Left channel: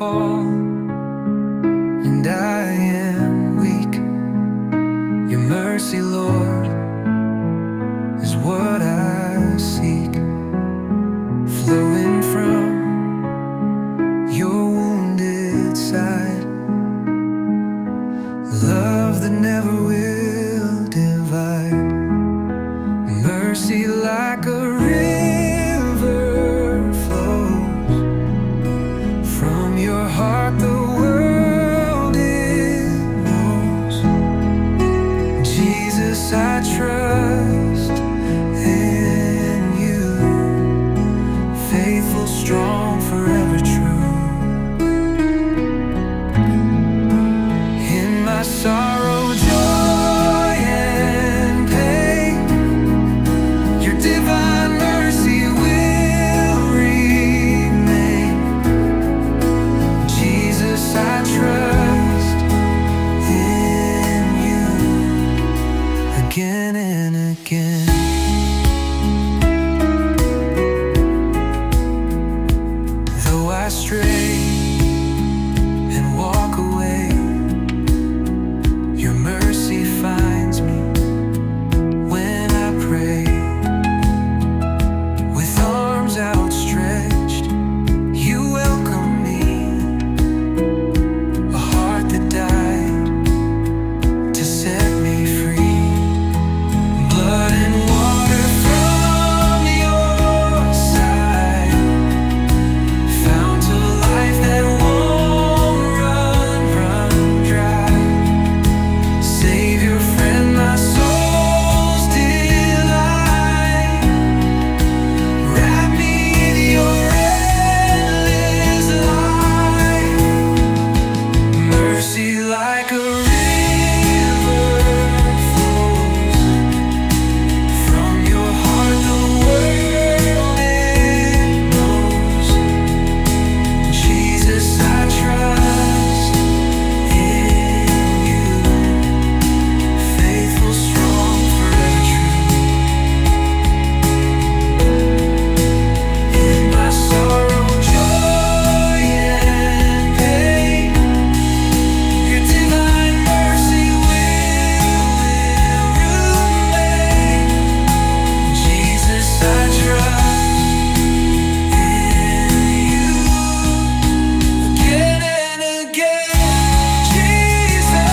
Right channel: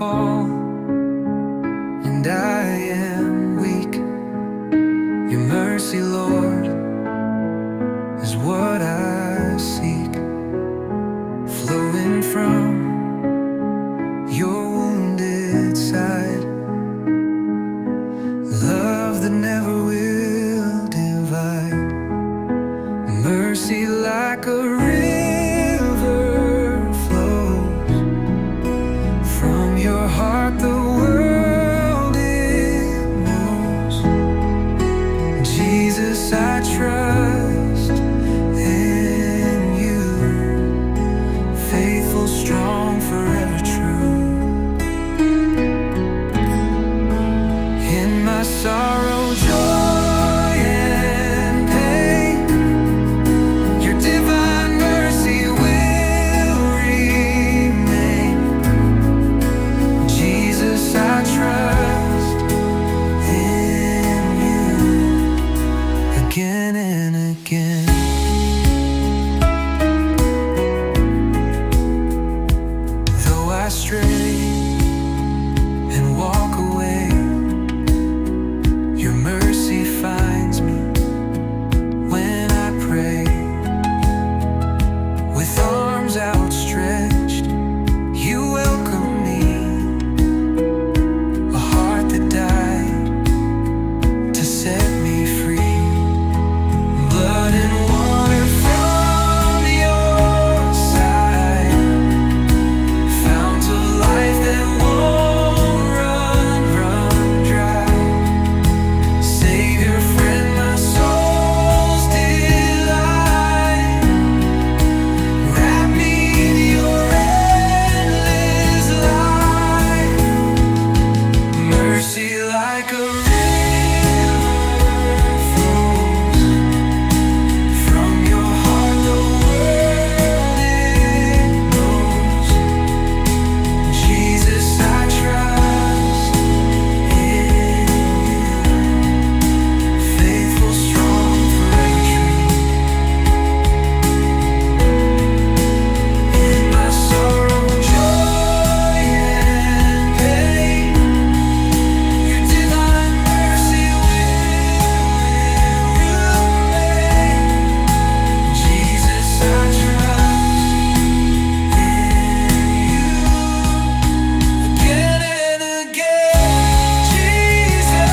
fall and I am weak. Your mercy, Lord, is what I seek, flowing from your wounded side. Love that never will divide. Mercy like a river flows from your heart, the world it knows. Jesus, I trust in you, faithful, strong, forever true. In my sorrow, joy, and pain, your divine mercy will remain. Jesus, I trust in you again and again. Though I stray and walk away, your mercy finds me when I pray. With arms outstretched, you welcome me, a heart that died to set me free. Blood and water from your side, fount of life that won't run dry. Savior, friend, my soul's delight, wrap me in your endless light. Mercy like a river flows from your heart, the world it knows. Jesus, I trust in you, faithful, strong, forever true. In my sorrow, joy, and pain, your divine mercy will remain. Jesus, I trust in you again and again. Jesus,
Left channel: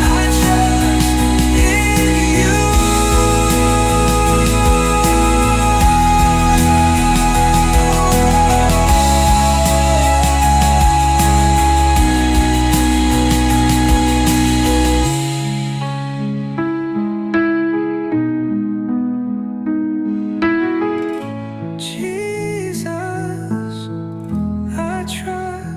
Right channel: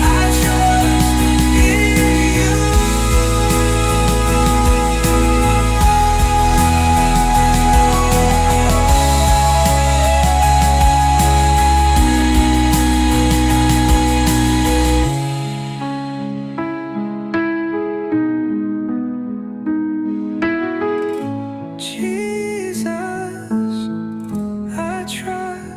I trust in you. Jesus, I trust